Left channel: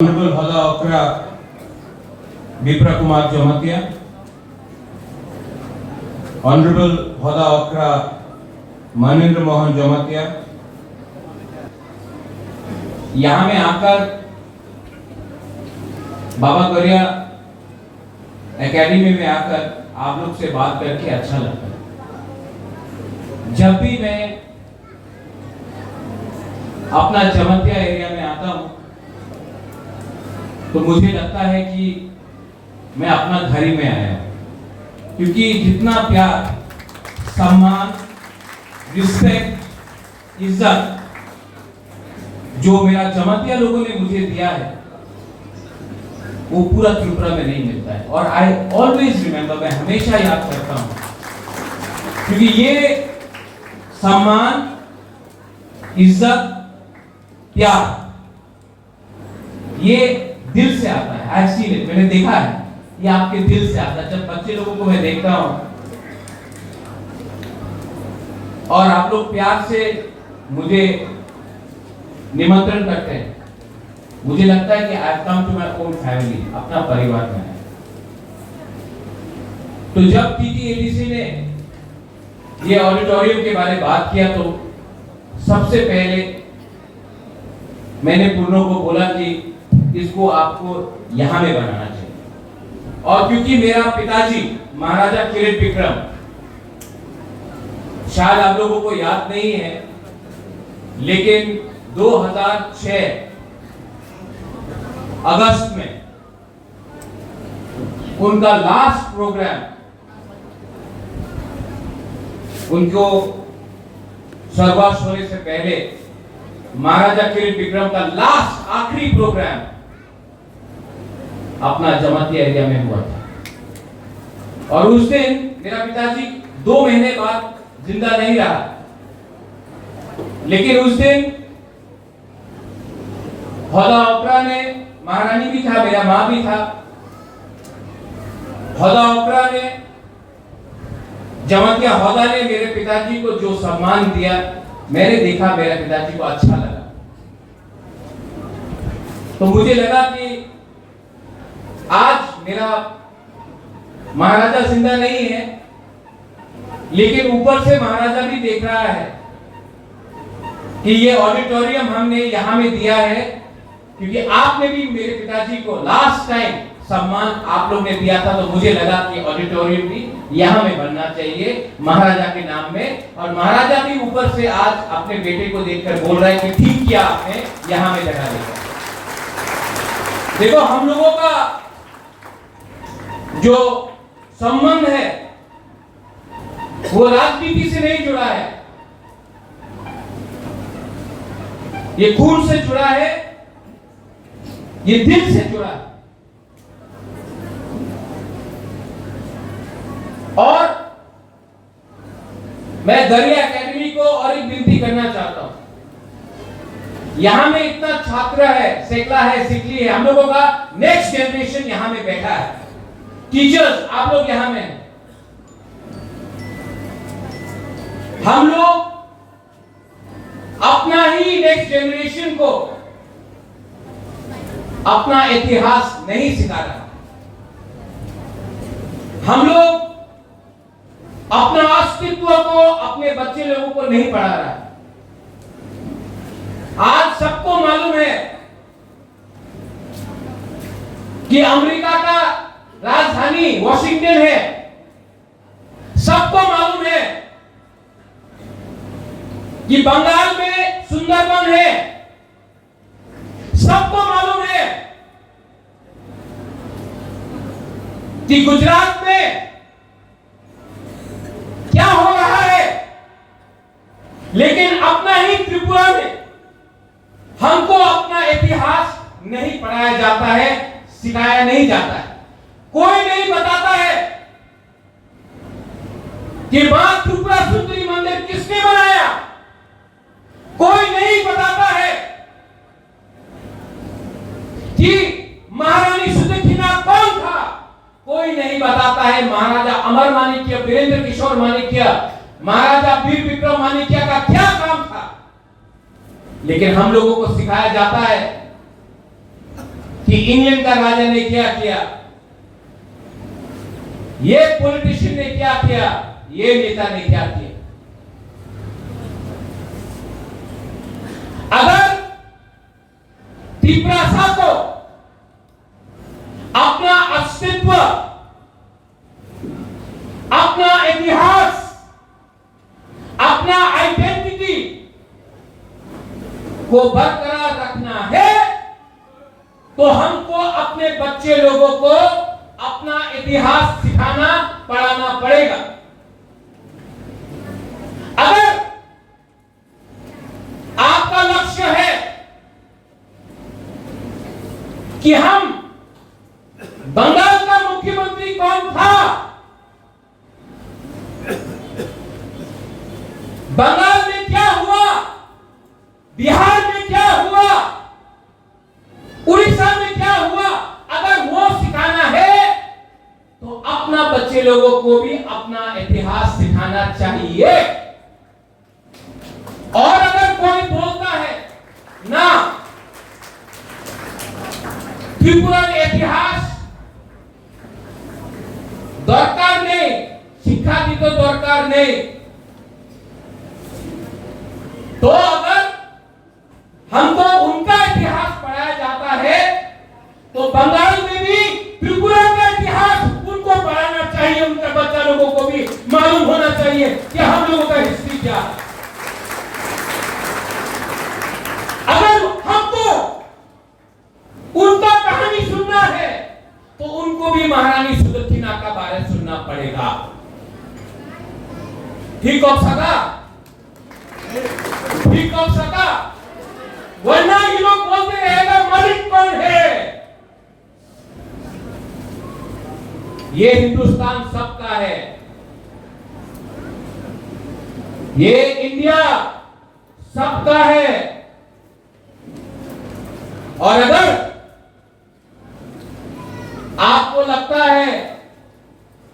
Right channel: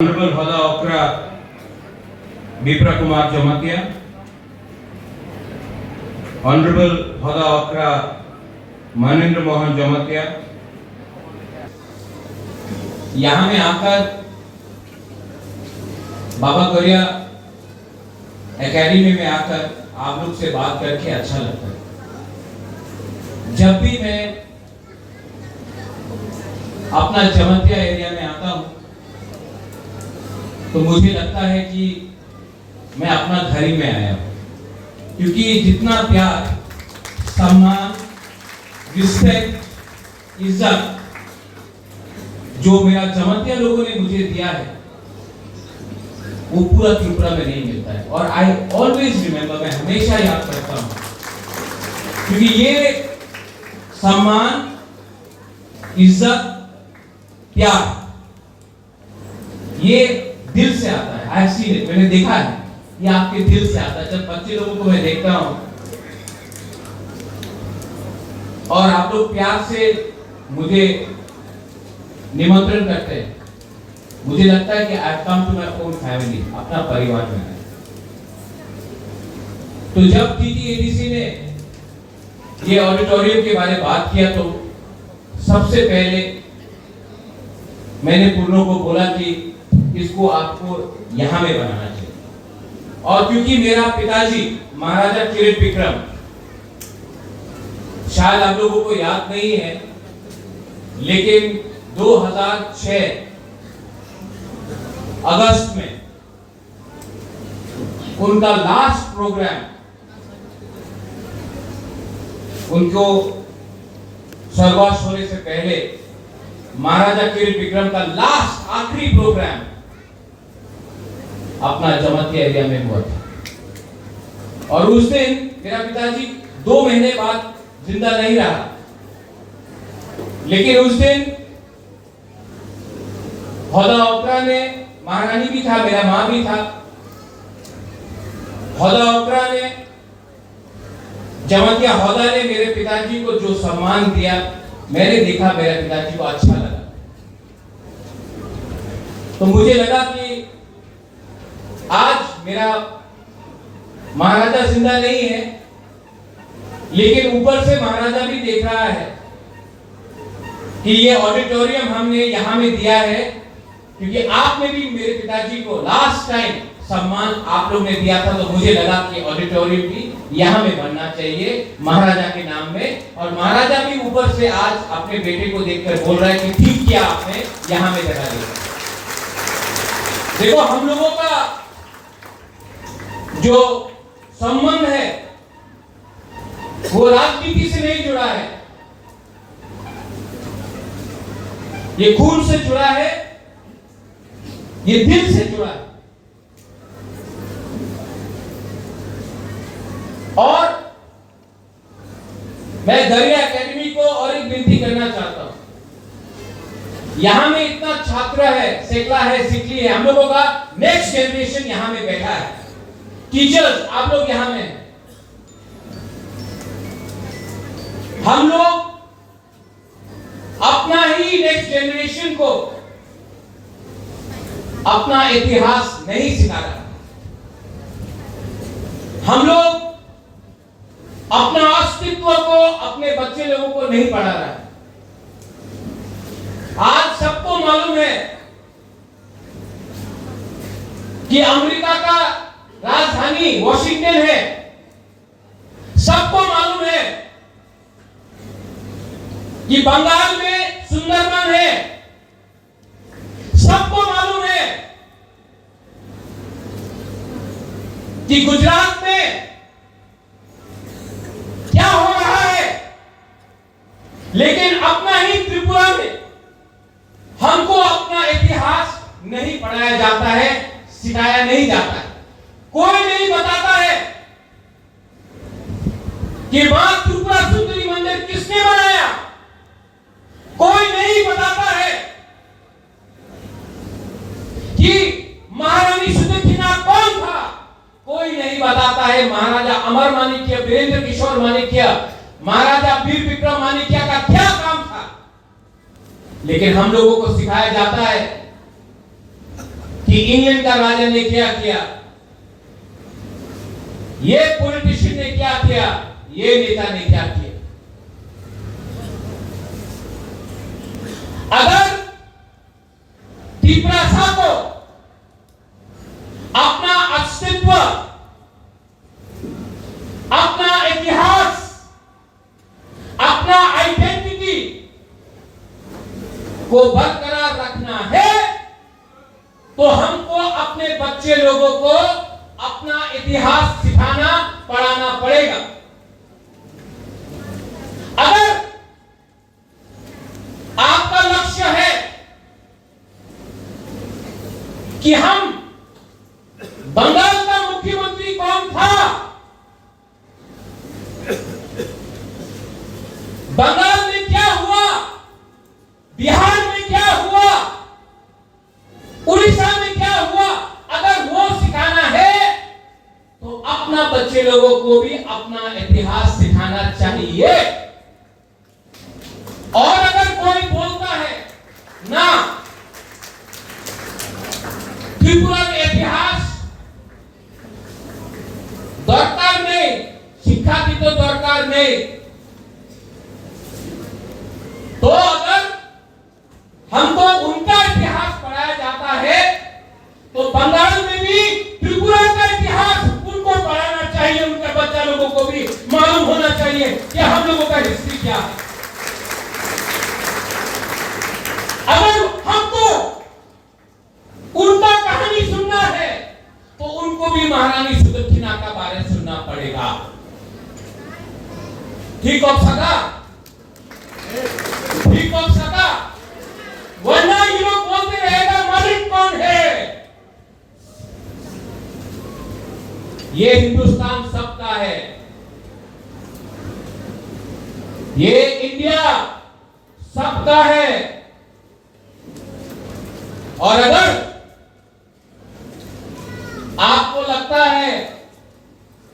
Honorable Hoda Okra Bipra Kumar Jamatia, Honorable Hoda Okra Manindra Mohan Jamatia, यहाँ में आकर बाबा गरिया एकेडमी में आकर आप लोग से बात करके अच्छा लगता है। जब भी मैं अपना जमतिया एरिया में आता हूँ तो मुझे लगता है कि मैं अपना घर ही में आया हूं, क्योंकि जितना प्यार, सम्मान, रिस्पेक्ट, इज्जत जो मेरा जमातिया लोगों ने मुझे दिया है वो पूरा त्रिपुरा में नहीं मिलता है। और आई ऑलवेज रिमेंबर, मैं हमेशा याद करता हूं, क्योंकि ये सम्मान, इज्जत, प्यार ये दिल से आता है। आई हैव सीन इट, मैंने देखा है, ये आपके दिल से आता है। जब बच्चे लोगों को मैं देखता हूं और आप लोग प्यार से मुझे निमंत्रण करते हैं, मुझे लगता है कि I have come to my own family, अपना परिवार में है। तो जब टीटीएडीसी ने ये ऑडिटोरियम के बारे में बात किया तो सबसे पहले मैंने पूर्णों को बोला कि इसको आपको यहां में बनाना चाहिए। और क्योंकि मेरा पिताजी महाराजा किरीट विक्रम, शायद आप लोगों को याद नहीं है, लेकिन 2006 अगस्त में उनका लास्ट प्रोग्राम, उनको स्वर्गवास होने से पहले महाराजा किरीट विक्रम का लास्ट आखिरी प्रोग्राम अपना जमातिया एरिया में हुआ था। और उस दिन मेरा पिताजी 2 महीने बाद जिंदा नहीं रहा, लेकिन उस दिन होदा ओकरा ने, महारानी भी था, मेरा मां भी था, होदा ओकरा ने, जमातिया होदा ने मेरे पिताजी को जो सम्मान दिया, मैंने देखा मेरे पिताजी को अच्छा लगा। तो मुझे लगा कि आज मेरा महाराजा जिंदा नहीं है, लेकिन ऊपर से महाराजा भी देख रहा है कि ये ऑडिटोरियम हमने यहां में दिया है, क्योंकि आपने भी मेरे पिताजी को लास्ट टाइम सम्मान आप लोग ने दिया था। तो मुझे लगा कि ऑडिटोरियम भी यहां में बनना चाहिए महाराजा के नाम में। और महाराजा भी ऊपर से आज अपने बेटे को देखकर बोल रहा है कि ठीक किया आपने यहां में जगह दी। देखो, हम लोगों का जो संबंध है वो राजनीति से नहीं जुड़ा है, ये खून से जुड़ा है, ये दिल से जुड़ा है। और मैं गरिया एकेडमी को और एक विनती करना चाहता हूं, यहां में इतना छात्र है, सेकला है, सिकली है, हम लोगों का नेक्स्ट जनरेशन यहां में बैठा है, टीचर्स आप लोग यहां में, हम लोग अपना ही नेक्स्ट जनरेशन को अपना इतिहास नहीं सिखा रहा, हम लोग अपना अस्तित्व को अपने बच्चे लोगों को नहीं पढ़ा रहा है। आज सबको मालूम है कि अमेरिका का राजधानी वॉशिंगटन है, सबको मालूम है कि बंगाल में सुंदरबन है, सबको मालूम है कि गुजरात में क्या हो रहा है, लेकिन अपना ही त्रिपुरा में हमको अपना इतिहास नहीं पढ़ाया जाता है, सिखाया नहीं जाता है। कोई नहीं बताता है कि मां त्रिपुरा सुंदरी मंदिर किसने बनाया, कोई नहीं बताता है कि महारानी सुदक्षिणा कौन था, कोई नहीं बताता है महाराजा अमर माणिक्य, वीरेंद्र किशोर माणिक्य, महाराजा वीर विक्रम माणिक्य का क्या काम था। लेकिन हम लोगों को सिखाया जाता है कि इंडियन का राजा ने क्या किया, ये पॉलिटिशियन ने क्या किया, ये नेता ने क्या किया। अगर तिपरासा को अपना अस्तित्व, अपना इतिहास, अपना आइडेंटिटी को बरकरार रखना है तो हमको अपने बच्चे लोगों को अपना इतिहास सिखाना पढ़ाना पड़ेगा। अगर आपका लक्ष्य है कि हम बंगाल का मुख्यमंत्री कौन था, बंगाल में क्या हुआ, बिहार में क्या हुआ, उड़ीसा में क्या हुआ, अगर वो सिखाना है तो अपना बच्चे लोगों को भी अपना इतिहास सिखाना चाहिए। और अगर कोई बोलता है ना त्रिपुरा इतिहास दरकार नहीं, शिक्षा की तो दरकार नहीं, तो अगर हमको उनका इतिहास पढ़ाया जाता है तो बंगाल में भी त्रिपुरा का इतिहास उनको पढ़ाना चाहिए, उनके बच्चा लोगों को भी मालूम होना चाहिए कि हम लोगों का हिस्ट्री क्या है। अगर हमको उनका कहानी सुनना है तो उनको भी महारानी सुदक्षिणा का बारे सुनना पड़ेगा। ठीक हो सका, ठीक हो सका, वरना ये लोग बोलते रहेगा मालिक कौन है। ये हिंदुस्तान सबका है, ये इंडिया सबका है। और अगर आपको लगता है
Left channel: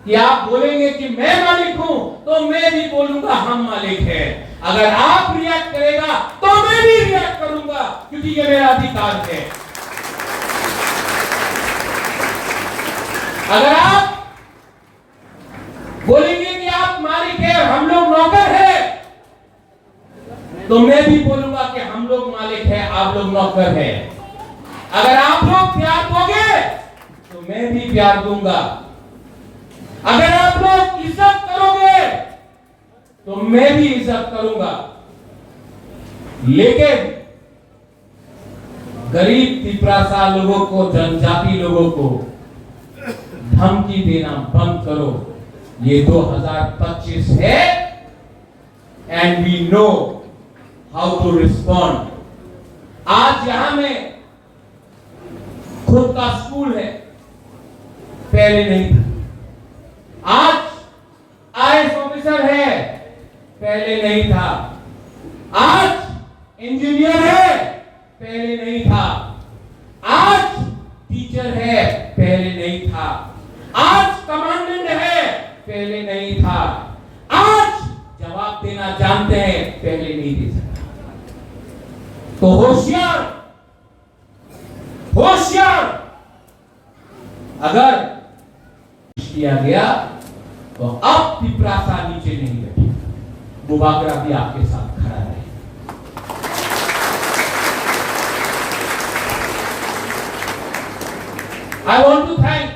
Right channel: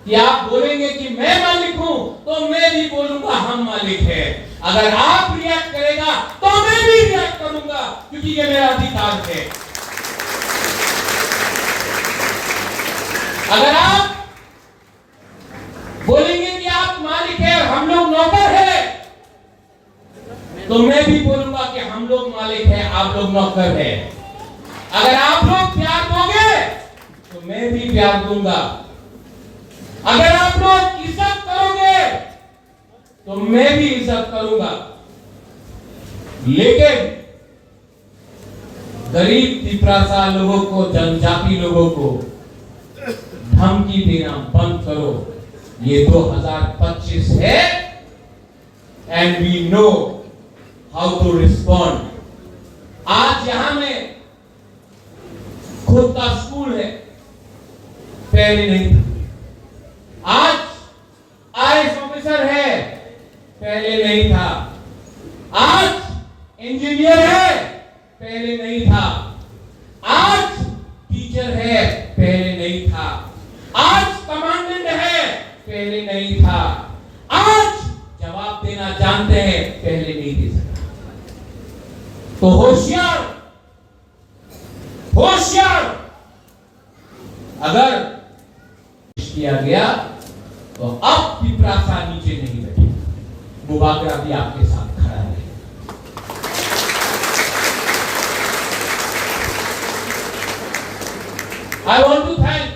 कि आप बोलेंगे कि मैं मालिक हूं तो मैं भी बोलूंगा हम मालिक है। अगर आप रिएक्ट करेगा तो मैं भी रिएक्ट करूंगा, क्योंकि ये मेरा अधिकार है। अगर आप बोलेंगे कि आप मालिक है और हम लोग नौकर है, तो मैं भी बोलूंगा कि हम लोग मालिक है, आप लोग नौकर है। अगर आप लोग प्यार दोगे तो मैं भी प्यार दूंगा। अगर आप लोग इज्जत करोगे तो मैं भी इज्जत करूंगा। लेकिन गरीब तिपरासा लोगों को, जनजाति लोगों को धमकी देना बंद करो। ये 2025 है and we know how to respond. आज यहां में खुद का स्कूल है, पहले नहीं था। आज आईएएस ऑफिसर है, पहले नहीं था। आज इंजीनियर है, पहले नहीं था। आज टीचर है, पहले नहीं था। आज कमांडेंट है, पहले नहीं था। आज जवाब देना जानते हैं, पहले नहीं दे सकता। तो होशियार, होशियार। अगर किया गया तो अब तिपरासा नीचे नहीं बैठेगा, बुबागरा भी आपके साथ खड़ा है। I want to thank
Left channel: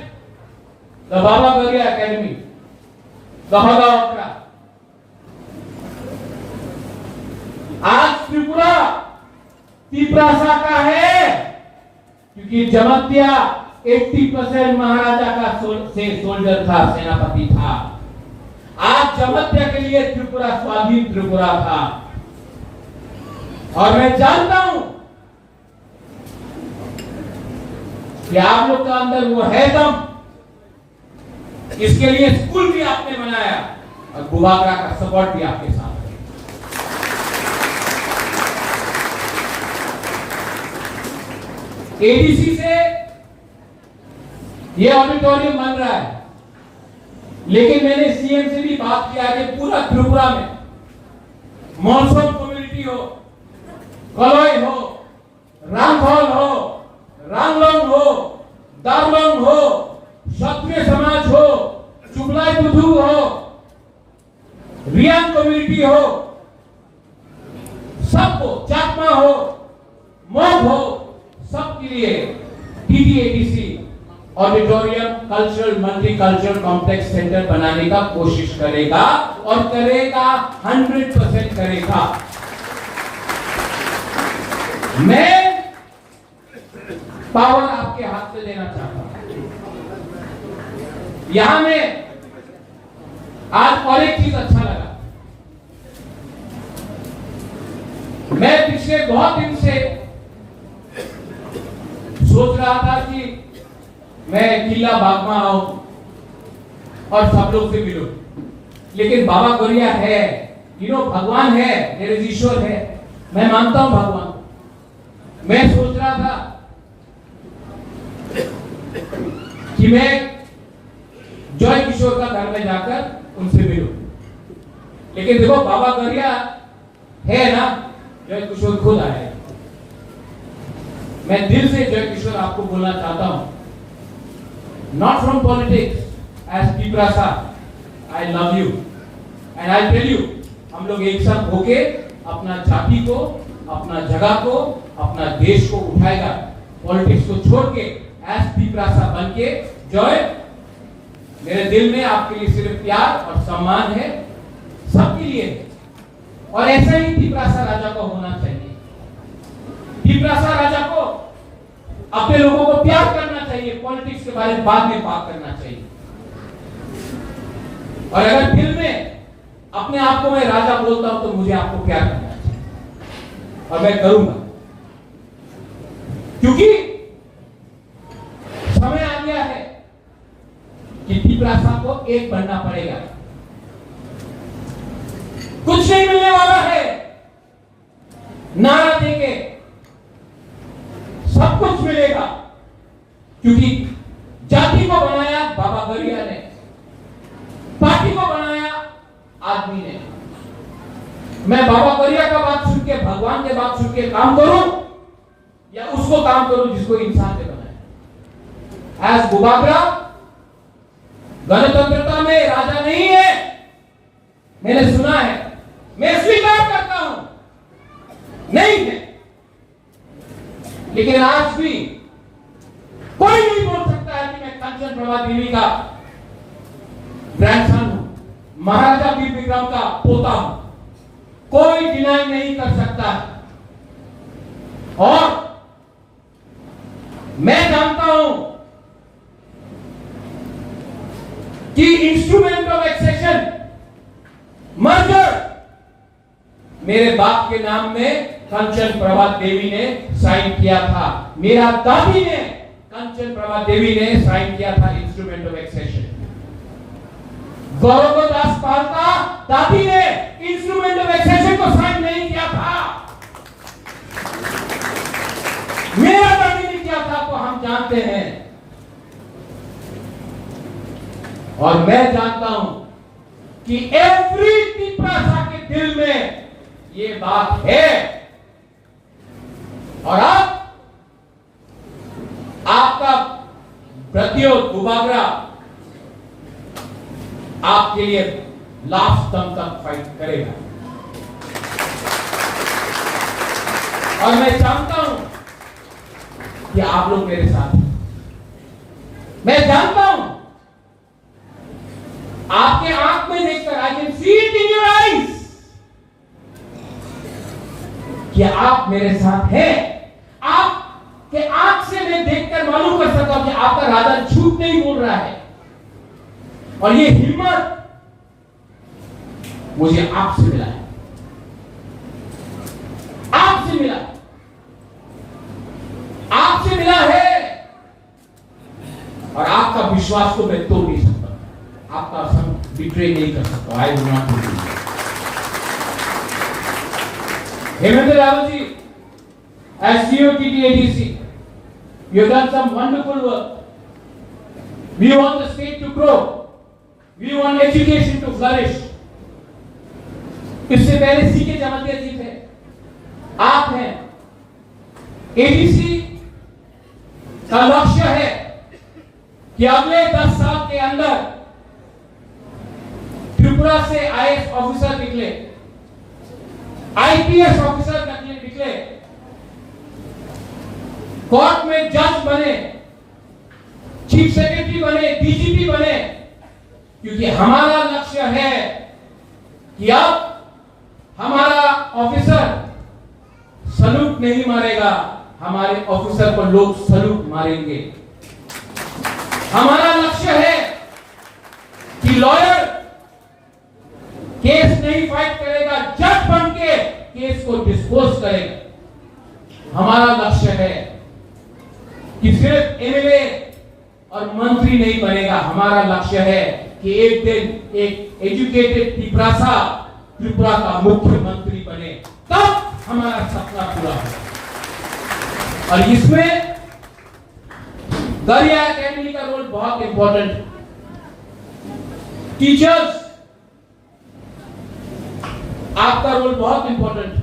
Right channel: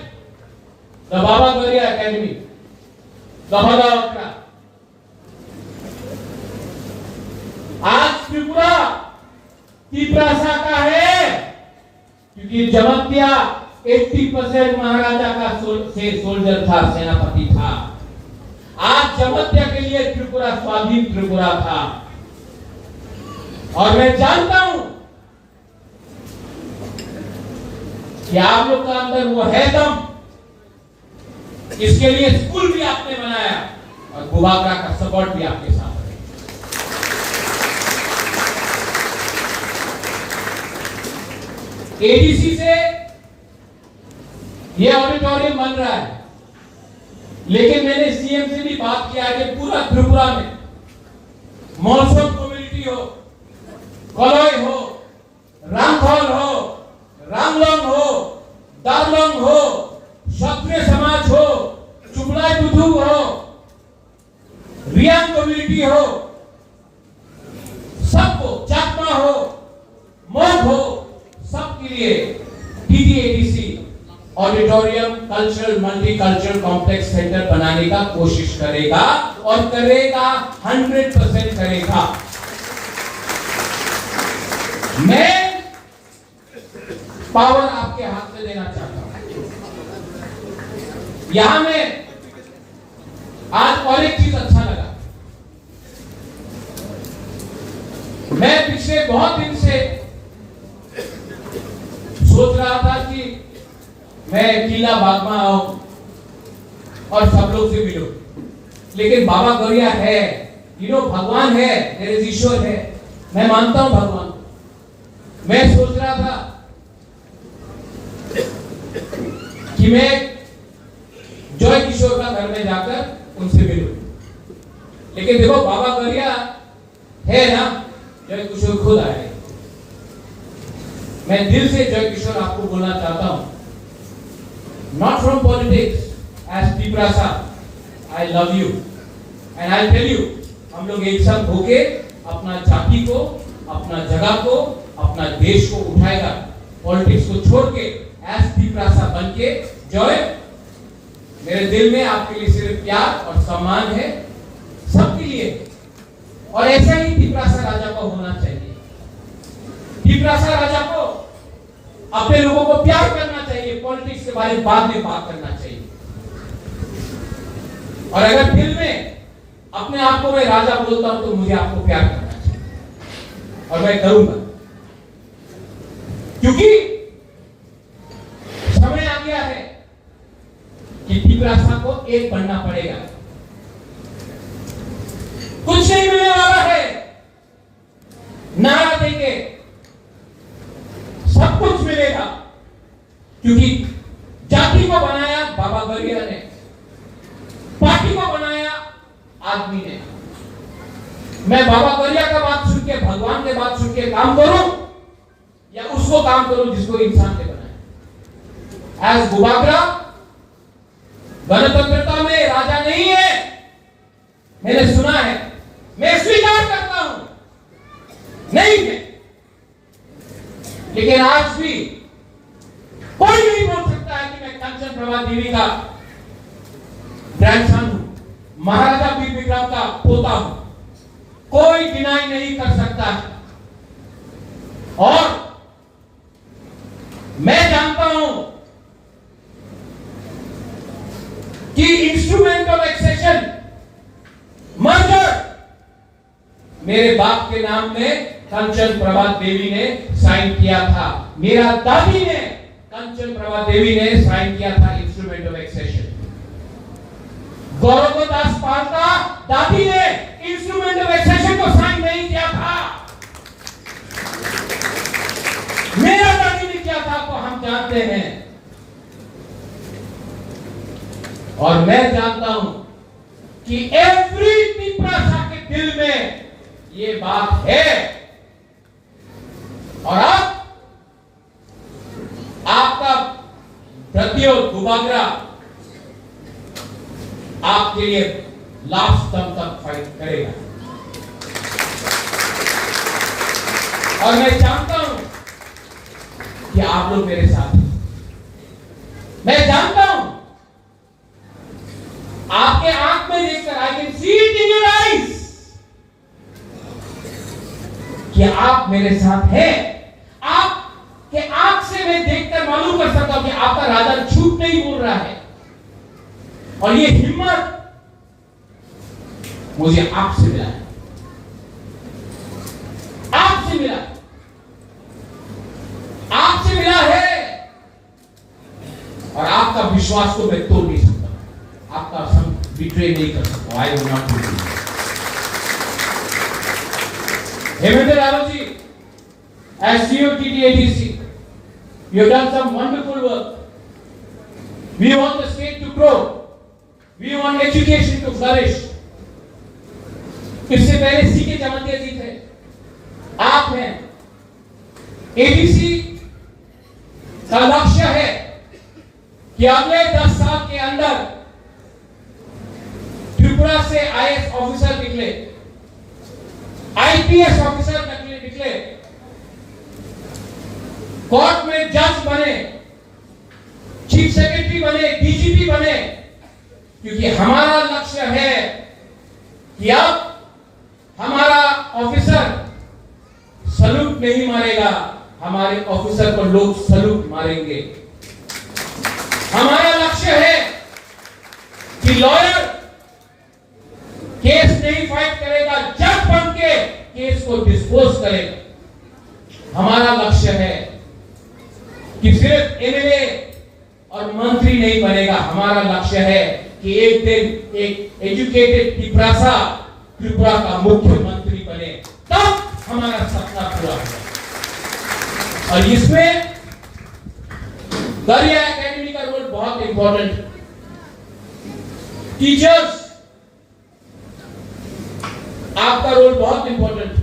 the Baba Garia Academy, the Hagawakra. आज त्रिपुरा तिपरासा का है क्योंकि जमत्या 80% महाराजा का सोल्जर था, सेनापति था। आज जमत्या के लिए त्रिपुरा स्वाधीन त्रिपुरा था। और मैं जानता हूं कि आप लोग का अंदर वो है दम। इसके लिए स्कूल भी आपने बनाया और बुबागरा का सपोर्ट भी आपके साथ है। एडीसी से ये ऑडिटोरियम बन रहा है, लेकिन मैंने सीएम से भी बात किया कि पूरा त्रिपुरा में मौसम कम्युनिटी हो, कलोई हो, रामखोल हो, रामलोंग हो, दार्लोंग हो, क्षत्रिय समाज हो, चुगलाई बुधु हो, रियांग कम्युनिटी हो, सबको, चाकमा हो, मोग हो, सबके लिए TDADC auditorium cultural multicultural complex centre बनाने का कोशिश करेगा और करेगा, 100% करेगा। मैं पावर आपके हाथ से देना चाहता हूं। यहां में आज और एक चीज अच्छा लगा, मैं पिछले बहुत दिन से सोच रहा था कि मैं किला बाग में आऊं और सब लोग से मिलूं, लेकिन बाबा गौरिया है, भगवान है, मेरे ईश्वर है, मैं मानता हूं भगवान। मैं सोच रहा था कि मैं जॉय किशोर का घर में जाकर उनसे मिलूं, लेकिन देखो बाबा गौरिया है ना, जॉय किशोर खुद आए। मैं दिल से जॉय किशोर आपको बोलना चाहता हूं, not from politics, as Piprasa, I love you and I'll tell you, हम लोग एक साथ होके अपना जाति को, अपना जगह को, अपना देश को उठाएगा, पॉलिटिक्स को छोड़ के as Piprasa बन के। जॉय, मेरे दिल में आपके लिए सिर्फ प्यार और सम्मान है, सबके लिए, और ऐसा ही Piprasa राजा को होना चाहिए। Piprasa राजा को अपने लोगों को प्यार करना चाहिए, पॉलिटिक्स के बारे में बाद में बात करना चाहिए। और अगर दिल में अपने आप को मैं राजा बोलता हूं तो मुझे आपको प्यार करना चाहिए, और मैं करूंगा, क्योंकि समय आ गया है कि Piprasa को एक बनना पड़ेगा। कुछ नहीं मिलने वाला है, नारा देंगे सब कुछ मिलेगा, क्योंकि जाति को बनाया बाबा गौरिया ने, पार्टी को बनाया आदमी ने। मैं बाबा गौरिया का बात सुन के, भगवान के बात सुन के काम करूं, या उसको काम करूं जिसको इंसान ने बनाया। एज बुबागरा गणतंत्रता में राजा नहीं है, मैंने सुना है, मैं स्वीकार करता हूं, नहीं है, लेकिन आज भी कोई नहीं बोल सकता है कि मैं कंचन प्रभा देवी का ग्रैंडसन हूं, महाराजा वीर विक्रम का पोता हूं, कोई डिनाई नहीं कर सकता। और मैं जानता हूं कि इंस्ट्रूमेंट ऑफ एक्सेशन मर्जर मेरे बाप के नाम में कंचन प्रभा देवी ने साइन किया था, मेरा दादी ने, कंचन प्रभा देवी ने साइन किया था इंस्ट्रूमेंट ऑफ एक्सेशन। गौरव दास पाल का दादी ने इंस्ट्रूमेंट ऑफ एक्सेशन को साइन नहीं किया था, मेरा दादी ने किया था, तो हम जानते हैं। और मैं जानता हूं कि एवरी Piprasa के दिल में ये बात है, और अब आपका प्रतियोग बुबागरा आपके लिए लास्ट दम तक फाइट करेगा। और मैं जानता हूं कि आप लोग मेरे साथ हैं, मैं जानता हूं, आपके आंख में देखकर, I can see it in your eyes, कि आप मेरे साथ हैं। आपके आंख से मैं देखकर मालूम कर सकता हूं कि आपका राजा झूठ नहीं बोल रहा है, और ये हिम्मत मुझे आपसे मिला है, आपसे मिला, आपसे मिला है। और आपका विश्वास को मैं तोड़ नहीं सकता, आपका संग बिट्रे नहीं कर सकता। I will not do. Hemendra Rawat ji, as CEO TDADC, you have done some wonderful work. We want the state to grow. We want education to flourish. इससे पहले सीके जमतिया जी थे, आप हैं। ADC का लक्ष्य है कि अगले 10 साल के अंदर त्रिपुरा से आईएएस ऑफिसर निकले, आईपीएस ऑफिसर निकले, कोर्ट में जज बने, चीफ सेक्रेटरी बने, डीजीपी बने, क्योंकि हमारा लक्ष्य है कि अब हमारा ऑफिसर सलूट नहीं मारेगा, हमारे ऑफिसर को लोग सलूट मारेंगे। हमारा लक्ष्य है कि लॉयर केस नहीं फाइट करेगा, जज बन के केस को डिस्पोज करेगा। हमारा लक्ष्य है कि सिर्फ एमएलए और मंत्री नहीं बनेगा, हमारा लक्ष्य है कि एक दिन एक एजुकेटेड त्रिपुरा का मुख्यमंत्री बने, तब हमारा सपना पूरा हो। और इसमें गरिया एकेडमी का रोल बहुत इंपॉर्टेंट है। टीचर्स, आपका रोल बहुत इंपॉर्टेंट है।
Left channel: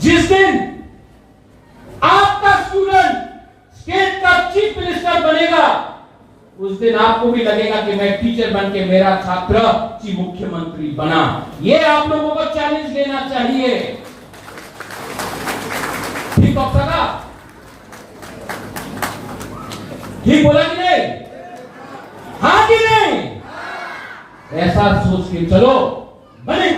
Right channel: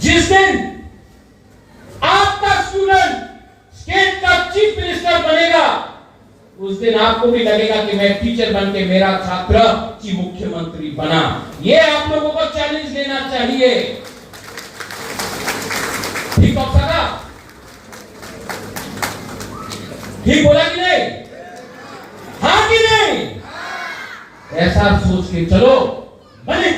जिस दिन आपका स्टूडेंट स्टेट का चीफ मिनिस्टर बनेगा, उस दिन आपको भी लगेगा कि मैं टीचर बन के मेरा छात्र चीफ मुख्यमंत्री बना। ये आप लोगों को चैलेंज लेना चाहिए। ठीक होगा? ठीक बोला कि नहीं? हाँ कि नहीं? ऐसा सोच के चलो, बने।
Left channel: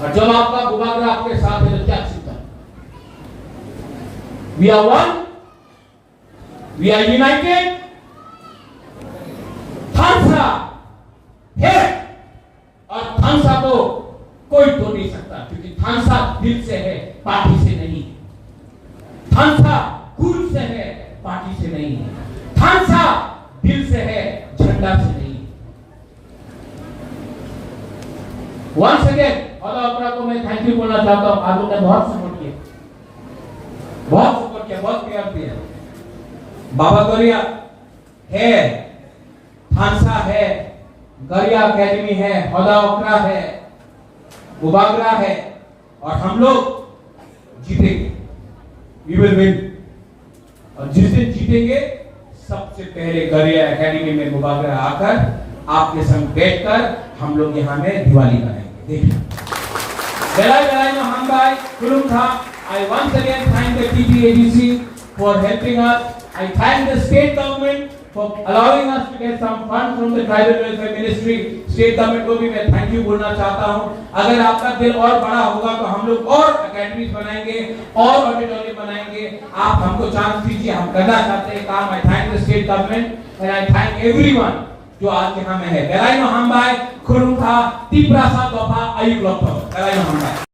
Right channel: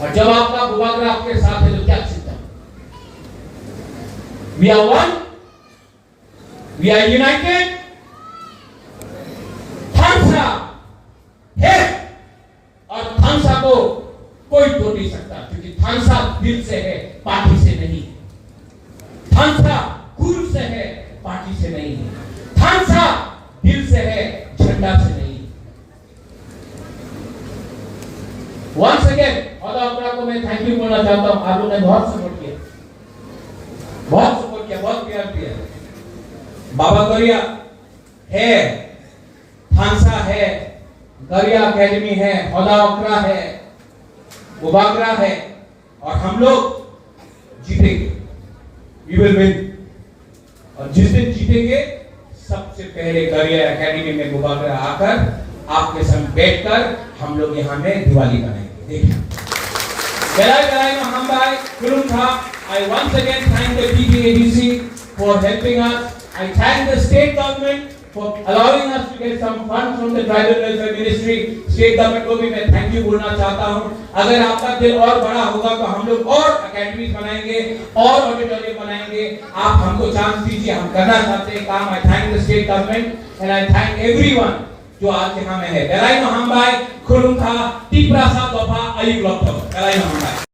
और जब आपका बुबागरा आपके साथ है तो क्या चिंता? We are one, we are united. थानसा है और थानसा को कोई तोड़ नहीं सकता, क्योंकि थानसा दिल से है, पार्टी से नहीं। थानसा गुरु से है, पार्टी से नहीं। थानसा दिल से है, झंडा से नहीं। वंस अगेन हौदा को मैं थैंक यू बोलना चाहता हूं। आप लोगों ने बहुत सपोर्ट किया, बहुत प्यार दिया। बाबा गरिया है, थानसा है, गरिया एकेडमी है, हौदा ओकरा है, बुबागरा है, और हम लोग जीतेंगे। We will win. और जिस दिन जीतेंगे, सबसे पहले गरिया एकेडमी में बुबागरा आकर आपके संग बैठकर हम लोग यहाँ में दिवाली मनाएंगे। देखिए, बेलाय महाबाई कुलुम था। I once again thank the TPADC for helping us. I thank the state government for allowing us to get some funds from the tribal welfare ministry. State government को भी मैं thank you बोलना चाहता हूँ। अगर आपका दिल और बड़ा होगा तो हम लोग और अकेडमीज बनाएंगे, और ऑडिटोरियम बनाएंगे। आप हमको चांस दीजिए, हम करना चाहते हैं काम। I thank the state government and I thank everyone जो आज यहाँ में है। बेलाय महाबाई खुलुम था, टीपरा सा दोफा अयुब लॉकडाउन। बेलाय महाबाई।